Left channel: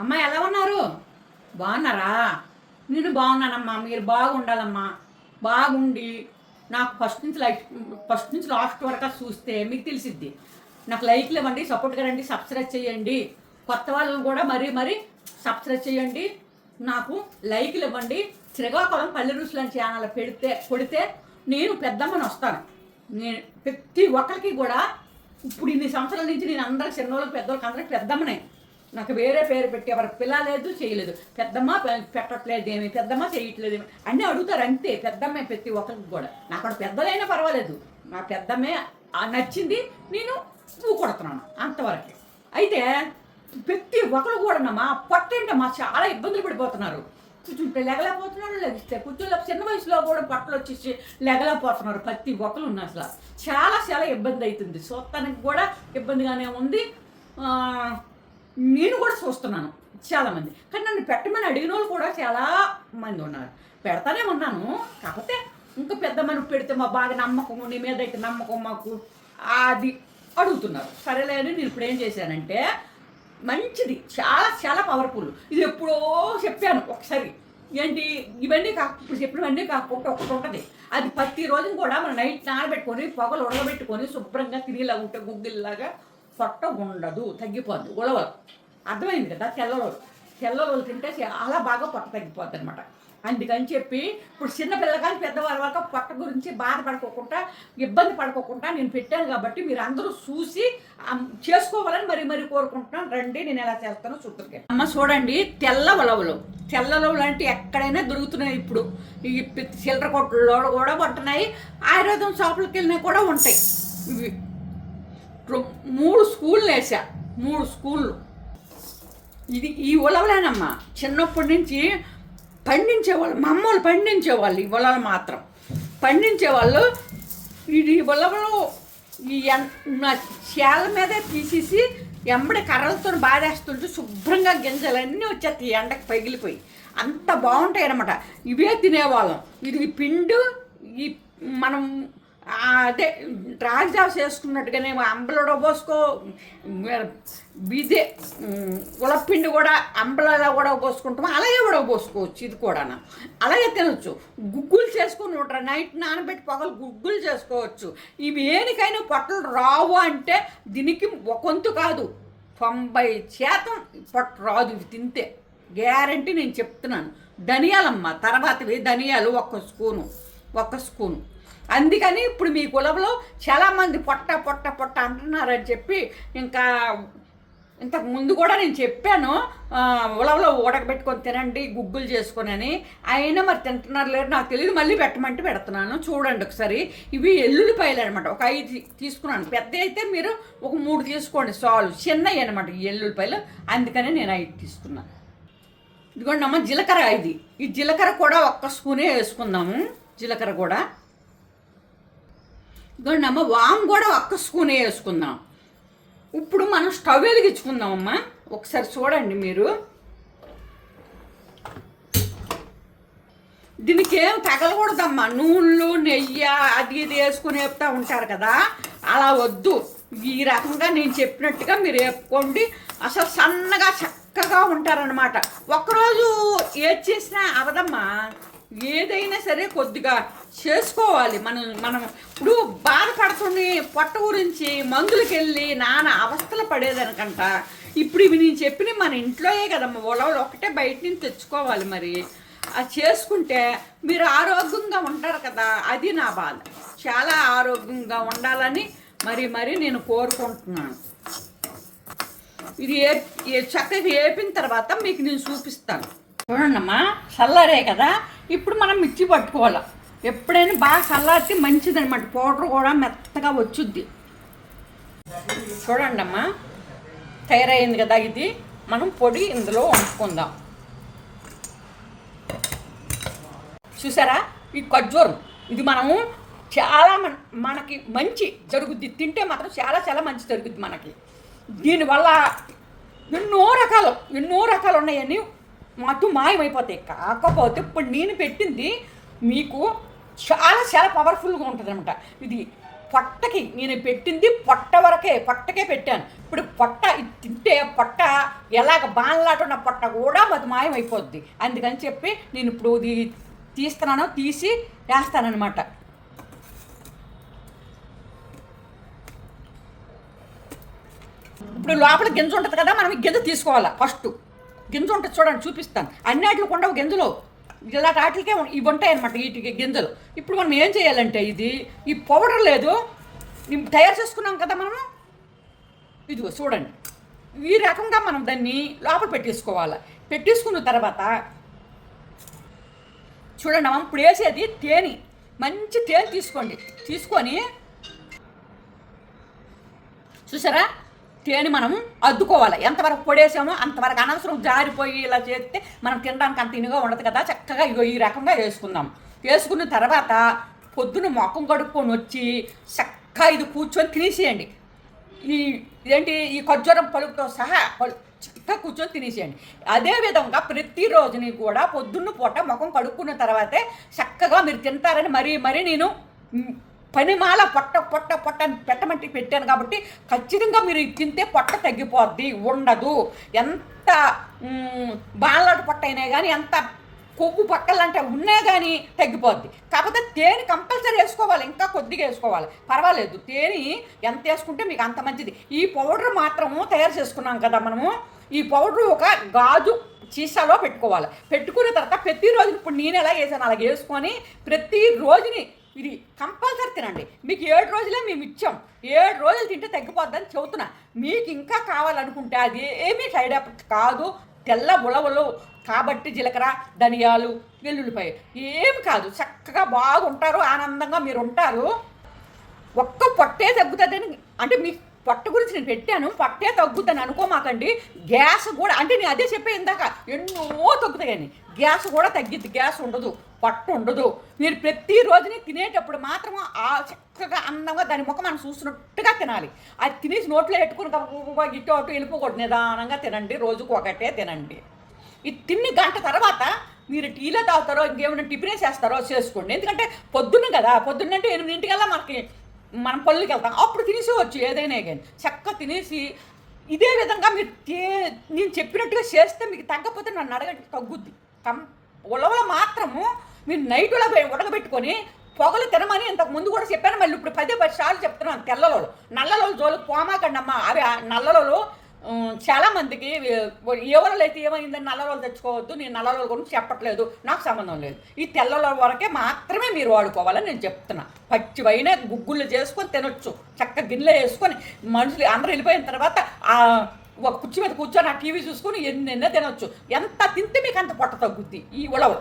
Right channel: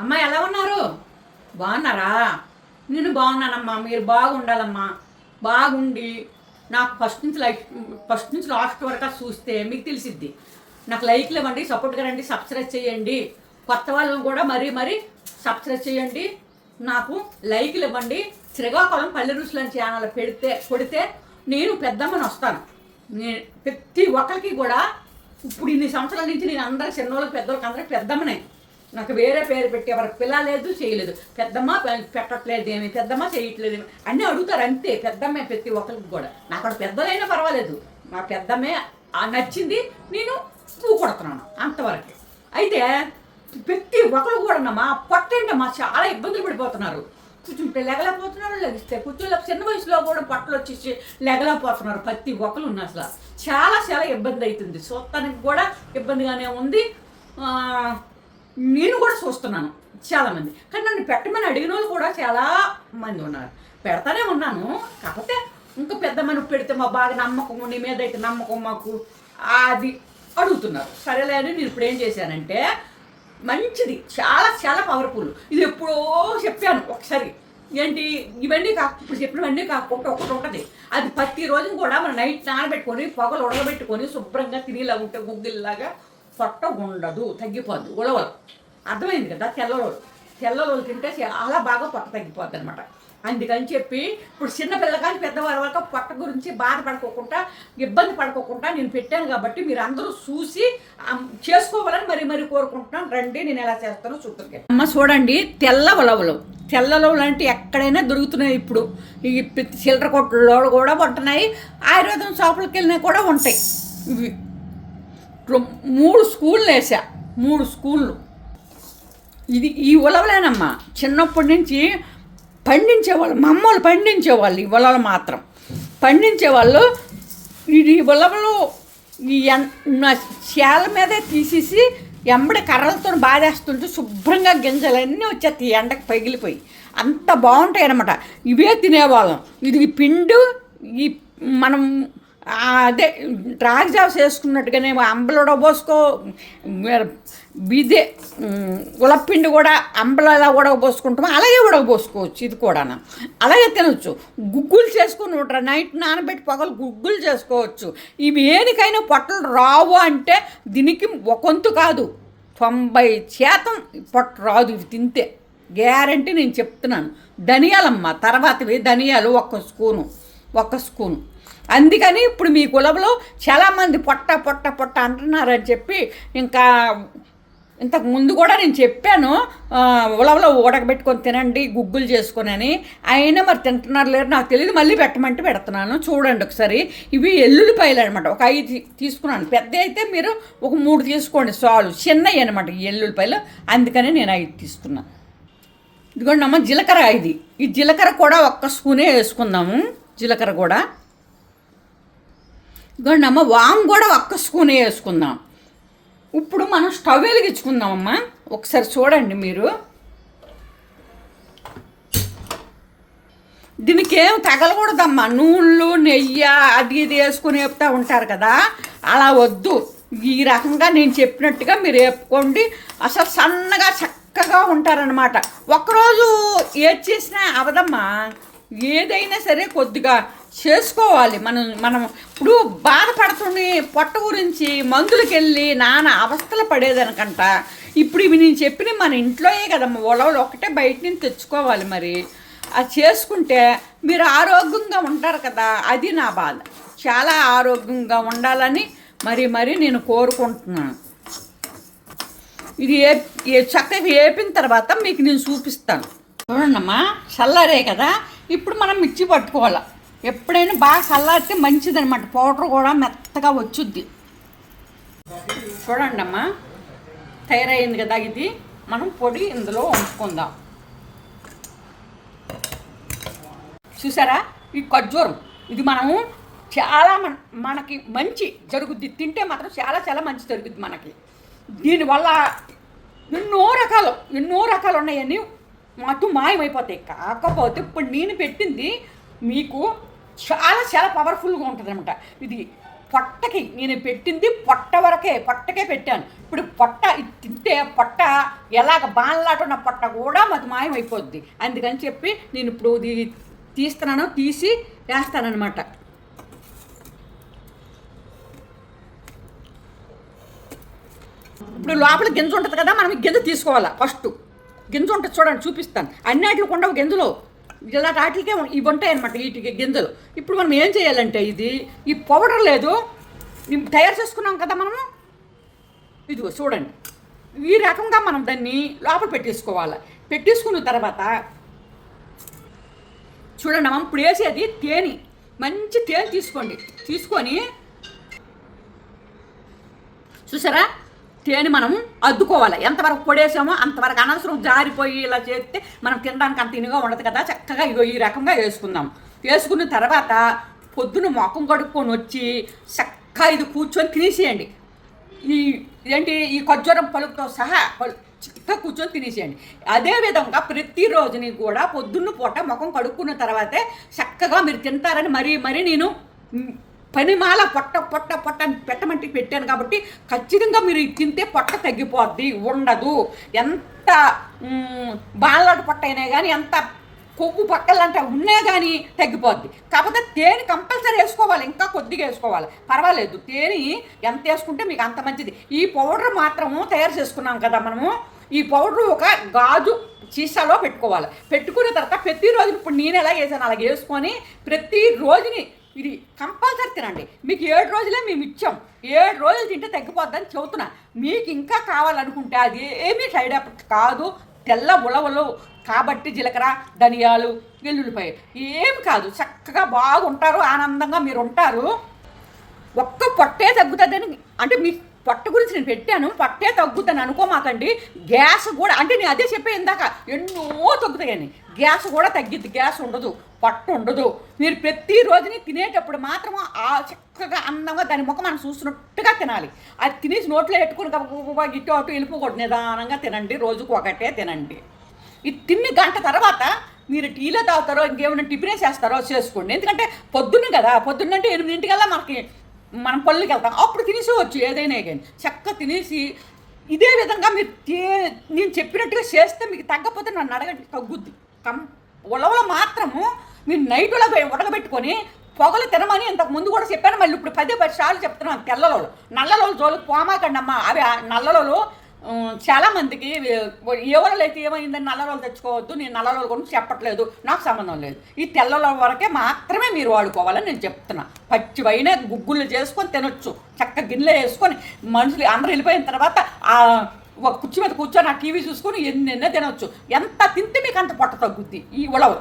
అమ్మ ఎలా ఉన్నారు? బాగున్నారా? నేను బాగున్నానమ్మా మీరు బాగుండాలమ్మా. బాగుండి నాకు ఫస్ట్ నుంచి లైక్ ఫస్ట్ నుంచి లాస్ట్ వరకు చూస్తే మీకు తెలిసిద్ది. నాకు లైక్లు ఇవ్వండి సపోర్ట్గా రండి సబ్స్క్రైబ్ చేయండి. కొత్త వాళ్ళని కూడా మరీ మరీ సబ్స్క్రైబ్ చేయండి. నాకు లైక్లు ఇవ్వండి. శ్రీకాకుళం పల్లె రుసులు అని ఛానల్ పెడితే కొడితే నేను పెద్దమ్మని వస్తాను. నేను ప్రతి ఒక్కరికి కూడా ఇప్పుడు ఇన్ని సంవత్సరాల నుంచి నేను అందరికి చిన్నోళ్ళకి పెద్దోళ్ళకి అందరికి పెద్దమ్మనే. నాకు వేరే పేరు పెట్టి ఎవరికి పిల్ల లేదు చేయలేదు. పెద్దమ్మ పెట్టట్లేదు ఏమి పెద్దమ్మ చేయట్లేదు ఏమి అన్నీ అడుగుతారు అంతే. పెద్దమ్మే ప్రతి ఒక్కరికి కూడా. నాకు అక్కడ పెద్దలైనా పర్వాలేదు. నా పెద్దమ్మే ఆ నచ్చింది నేను పువ్వు కొడుతున్నాను అంతవరకు. అయితే ప్రతి ఒక్కరు కూడా మా పొట్టేంటమ్మా చాలా ఇబ్బందులు పడిపోతున్నారు. కూర్చుంటే లెగలేకపోతున్నారు లెగిస్తే కూర్చోలే. చిన్న వయసులో కూడా పొట్టలు వచ్చేసి లెగలేకపోతున్నారు ప్రతి ఒక్కరు ఉన్న అసలు. చాలా చాలా ఇబ్బంది అవుతుంది. చూస్తానికి కూడా ఇబ్బందిగానే ఉంది. నేను కూడా చూస్తున్నాను చాలామంది కానీ నన్ను పెట్టమని అడిగిన వాళ్ళు కూడా చాలా మంది ఉన్నారు. పెడతానే ఉన్నాను. కాకపోతే ఇంకా పెద్ద మనం పెడితే మా బాగా నమ్మకం నీ మీద అయితే నమ్మకం మాకు. అది అడుగుతున్నారు. సరేలే అని నేను ఇప్పుడు ఏం చేశానంటే మంచిది. చాలా చాలా పవర్ఫుల్ ఇది ఎప్పుడో చెప్పాను ఒకసారి. ఏంటి? ఇవన్నీ కాక ఇప్పుడు చెప్పినవన్నీ కాకుండా ఒకటి ఉంటుంది. అది ప్రతి రోజు కూడా మనం నైట్ నానబెట్టుకొని పొగలు ఉడకబెట్టుకొని శుభ్రంగా తినేలా ఉంటే గుగ్గిల్లాగా పొట్ట ఉండదు తగ్గిపోద్ది ఉలవలు. అర్థమైంది కదా తెల్లలోలు తెల్లలోలు తింటే చాలా బాగా పొట్ట తగ్గిపోద్ది అనమాట అందుకని చెప్పి ఇప్పుడు చిన్నపిల్ల కానీ పెద్దవారి వరకు పొట్ట గురించి బాధపడుకోకుండా ఇబ్బంది పడుకోకుండా నేను పెట్టాను కాబట్టి మీరు అందరూ చూసి చేసుకోవాలని మరి మరి కోరుకుంటున్నాను. రండి నేను ఎలా చేస్తానో చూద్దరుగా. అమ్మ చూడండి తెల్ల ఉలవలు. తెల్ల ఉలవలు అంటే ఎక్కడైనా దొరుకుతున్నాయి ఇప్పుడు. ఈ చిల్లర కొట్టుల్లో కూడా ఉంటున్నాయి. ఆయుర్వేదం షాపులకు వెళ్ళినా కూడా ఉంటాయి. ఇవి. మూడు స్కూళ్ళు వేసా మూడు స్కూళ్ళు. ఇది ఈ ఉలవలేనమ్మా. చిన్నప్పటి నుంచి పండించేవాళ్ళు మా అమ్మోళ్ళు పండించేవాళ్ళు ఈ ఉలవలు మాత్రం. పండించేవాళ్ళు ఇది ఉలవలు ఈ నా చేల మీదే తీసేసి ఎంబడి కర్రలతో బాధేస్తుంటే శుభ్రంగా గింజలన్నీ వచ్చేస్తాయి ఎండకు పగిలిపోయి. అంత బాగుంటాయి అనమాట ఇవే తినేవాళ్ళం. ఇది పిండు ఈ మనం అదే రాగి జావ చేసుకున్నట్టుగానే అంబలు పోసుకో బిదే ఉలప్పిండి కూడా అంబలలా ఉడకబోసుకుంటాం అలాగే ఉడకబోసుకోవచ్చు ఇది కూడా అలాగే తినొచ్చు. గుగ్గులు చేసుకుని ఉంటారు. నైట్ నానబెట్టి పొగలు గుగ్గులు చేసుకోవచ్చు. ఇవి ఏనికైనా పొట్టలు రావు అంటే దీనికి ఒకంతు కాదు. తొంభై శాతం పొట్ట రాదు ఇవి తింటే. గ్యారంటీ నేను చెప్తున్నాను. ధనియాలమ్మ తర్వాతవి ధనియాలు ఒక్క స్పూను ఒక్క స్పూను. అందుకని ఇప్పుడు మీ కులంలో చాలామంది పొట్ట పొట్ట పొట్ట అంటున్నారని చెప్పి ఇంకా ఇంతకు ముందు కూడా నేను చెప్పాను ఉలవలో ఉడకబెట్టుకొని తినండి గుగ్గులు చేసుకుని అని. అయినా మరి తింటున్నారు లేరు నాకు తెలియదు మళ్ళీ పెట్టమంటే పెడుతున్నాను. చూడండి ఒకసారి. ఇవి ఎల్లుల్లిపాయలు అనమాట ఒక ఐదు తీసుకున్నాను. పెద్ద అయితే మీరు ఒక మూడు తీసుకోండి చాలు. చిన్నవి అనమాట ఈ ఎల్లుల్లిపాయలు. అందుకని నేను ఐదు తీసుకున్నాను ఇదిగోండి అమ్మ జీలకర్ర ఇది. ఈ జీలకర్ర కూడా ఒక్క స్పూనే వేసుకుందాము. జీలకర్ర కూడా. ఇదిగోండి అమ్మ వామ్ కూడా ఒక్క స్పూనే వేసుకుందాం. ఇప్పుడు మనం స్టవ్ వెలిగించుకుందామమ్మా. ఒకసారి చూడండి మీరు. దీనికి ఏం తగలకూడదమ్మా. నూనెలు నెయ్యి అది ఇది వేసుకుని వేపుతూ ఉంటారు కదా. అలా వద్దు. ఈ రకంగా నేను చెప్పినట్టుగా మీరు వేపుకోండి. అసలు సన్నగా చక్కగా ఉంటారనమాట ఒకరోజు ఏది చేసినా అవదమ్మా. ఏదైనా సరే కొద్దిగా చేసుకోవాలి. మనం మనం ఇప్పుడు బాధపడుతుని పొట్ట గురించి మందులకి వెళ్ళి నాన్న అవస్థలు పడేదనకంట. ఇప్పుడు ఇవి నేను చెప్పిన మన ఇంట్లోయే కదమ్మా. ఉలవలు ఒకటే బయట నుంచి తెచ్చుకోవాలి మరి. అది చేసుకుంటే మీరు ఆరోగ్యంగా ఉంటారు కదా. అది నా బాధ. చాలా ఆరోగ్యంగా ఉండాలని మరి మరి నేను కోరుకుంటున్నాను. ఇది ఏ ఏ చక్కగా వేపిన తర్వాత మీకు నేను చూపిస్తాను. చూడండమ్మా. చల్లరే కదా. ఇప్పుడు మనం మిర్చి పట్టుకోవాలి. ఎప్పుడైనా బాగా చల్లారితే మంచిదన్నమాట. పౌడర్ కూడా మెత్తగా వచ్చుద్ది. చూడండమ్మా తయారైంది కదా ఇది. మనం పొడి ఇందులో వండుకుందాం. చూసారా? ఈ ఖర్జూరం. ఇది మనము చాలా మన మనకి మంచి జరుగుద్ది. తింటే మాత్రం చాలా చాలా మంచి జరుగుద్ది మనకి. దీనివల్ల ఎన్నో రకాలు ఎన్నో రకాలు ఉన్నాయని మొత్తం మాయమైపోతాయి. కాకపోతే ఇప్పుడు నేను పెట్టింది మీకు చాలా చాలా పవర్ఫుల్గా ఉంటుంది అనమాట ఇది పొట్టకి నేను పెట్టింది పొట్ట వరకే పొట్టకే పెట్టాను. ఇప్పుడు పొట్ట తింటే పొట్ట ఎలాగ బాణలాటున్న పొట్ట కూడా మాకు మాయమైపోద్ది. అందుకని చెప్పి నేను ఇప్పుడు ఇది తీస్తున్నాను తీసి వేస్తానమాట ఇప్పుడు లోపల గింజ ఉంటుంది కదా మనం గింజ తీసుకోవాలా ఫస్ట్. గింజ ఉంటుంది చూడండి చూపిస్తాను. అన్నిటిలో ఉండవు గింజలో. ఇలా వాటికే ఇవి ఉంటాయి అనమాట వీటికి గింజలు. ఇప్పుడు మనం ఏం చేయాలంటే ఇది ఈ పౌడర్ లేదు. తయారు చేసుకున్నాం కదా మనము? ఇదిగో చూడండి. ఈ రకంగా మనం దాన్ని లోపల పెట్టేసుకోవాలి. పెట్టేసుకున్న తర్వాత చూడండి మనం ఇప్పుడు వేసేది తేనె. మంచి తేనె తీసుకోండి. తీసుకొని చూసారా? తేనె మనం అద్దుకోవాలి. ఎంతవరకు పొడేసామో అంతవరకు అనవసరం జారిపోయి ఇలా చేస్తే మనం తినడానికి అంత ఇనుగా ఉండదు కదా. చక్కగా ఇగో ఈ రకంగా వేసుకుందాం. వేసుకున్న తర్వాత పొద్దున మొఖం కడుక్కొని వచ్చి చక్కగా ఇది కూర్చొని తినేసేయండి. ఈ ఏంటి ఈ ఖర్జూరం పలుకుతో సహా పలు చక్కగా కూర్చొని తినేసేయండి. అదే విధంగా ప్రతిరోజుని కూడా పొద్దున్న పూట ముఖం కడుక్కున్న తర్వాతే చక్కగా మీరు తింటారని మరీ మరీ నేను పనిమాల పొట్ట పొట్ట పొట్ట అని పెట్టమంటే పెట్టాను కాబట్టి ఖచ్చితంగా మీరు తింటే పొట్ట తగ్గిపోద్ది ఉండదు. ఎంత మ్, పొట్ట అయినా కానీ ఎంత కొవ్వు పక్కలంటే ఉన్నా కానీ తగ్గిపోద్ది. కాకపోతే తేనె కంపల్సరీ వేసుకోవాలి ఇంకా కొద్దిగా వేసుకోవాలి. పర్వాలేదు తేనె ఎంత వేసుకుంటే మీకు అంత మంచిది. ఈ పౌడర్ మాత్రము తయారు చేసుకున్నాం కదా మనము. ఈ పౌడర్ ఒక గాజు సీసాలో పెట్టుకోవాలి. పెట్టుకున్న తర్వాత ప్రతిరోజు ఇప్పుడు నేను ఎలా వేసాను అలాగే వేసుకొని ప్రతి రోజుని ఇది కంపల్సరీ తినండి. మీకు ఏడు రోజులే మేము ఇచ్చాం. ఏడు రోజులు తింటే తగ్గిపోద్దని చెబుతున్నా. మీకు ఇంకా కావాలనుకుంటే అది ఏమీ సైడ్ ఎఫెక్ట్ కాదు. తెల్ల ఉలవలు కాబట్టి జీలకర్ర ధనియాలు వెల్లుల్లిపాయ ఏమి కాదు. చక్కగా బాగుంటారు ఆనందంగా మీరు ఉంటారు. ఒక్క పొట్టే తగ్గుతుందని అంటే మీ పొట్ట గురించి నేను పెట్టాను పొట్టే తగ్గుతాను అనుకోమాకండి. గ్యాస్ కూడా అంటే నేను అదే చెప్పే ఇందాక ఎన్నో తగ్గుతాయని గ్యాస్ కూడా తగ్గిద్ది గ్యాస్ ఉండదు పొట్ట ఉండదు. మీరు ప్రతిరోజుని తినేటప్పుడు మాత్రం ఆ చక్కగా అందంగా దాని ముఖం మనం చూస్తున్నట్టుగా తినాలి. అది తినేసి నోట్లో పెట్టుకుని ఇటు అటు వెళ్ళిపోకూడదు నిదానంగా తినండి రోజుకు ఒకటే తినండి. ఇది తిన్ని గంట తర్వాత మీరు టీలో తాగుతారో ఇంకేమైనా టిఫిన్ చేస్తారో చేసుకోండి. ఎందుకంటే పొద్దున్న కదా పొద్దున్నంటే ఎనిమిదింటికల్లా మనకి మనం పళ్ళుకి వెళ్తాం. అప్పుడు తినేసేవచ్చు ఏదైనా కానీ. చక్కగా తినేసి ఇదే విధంగా మీరు నేను చెప్పినట్టుగా చేస్తే మీకు తగ్గకపోతే నన్ను అడగండి తగ్గుద్ది. కం ఉలవల మాత్రము మీరు నైట్ ఉల ఉడకబెట్టుకొని పొగలు తినమని ఇంతకు ముందు కూడా చెప్పాను. మళ్ళీ ఇప్పుడు పదే పది సార్లు చెప్తున్నాను తెల్లలో నల్లలో జోలికి పోమాకండి అమ్మ అవి ఆ చాలా మందికి ఎవరు అయితే ఏమైందని నల్లరోలు తెచ్చుకోవద్దు నేను నల్ల రోజులు గురించి చెప్పట్లేదు నాకు సంబంధం లేదు. ఈ తెల్లలో వరకే మాత్రమే మీరు వాడుకోవాలని నేను చెప్తున్నా. పచ్చివైన గుగ్గులు చేసుకొని తినొచ్చు చక్క గిన్నెలో వేసుకొని మనుషులు అందరూ వెళ్ళిపోయిన తర్వాత ఒక కుర్చీ మీద కూర్చొని ఆ టీవీ చూసుకొని ఎన్నెన్నో తినొచ్చు. ఎంత తింటే మీకు అంత పొట్ట తగ్గుద్ది. ఈ ఉలవలు.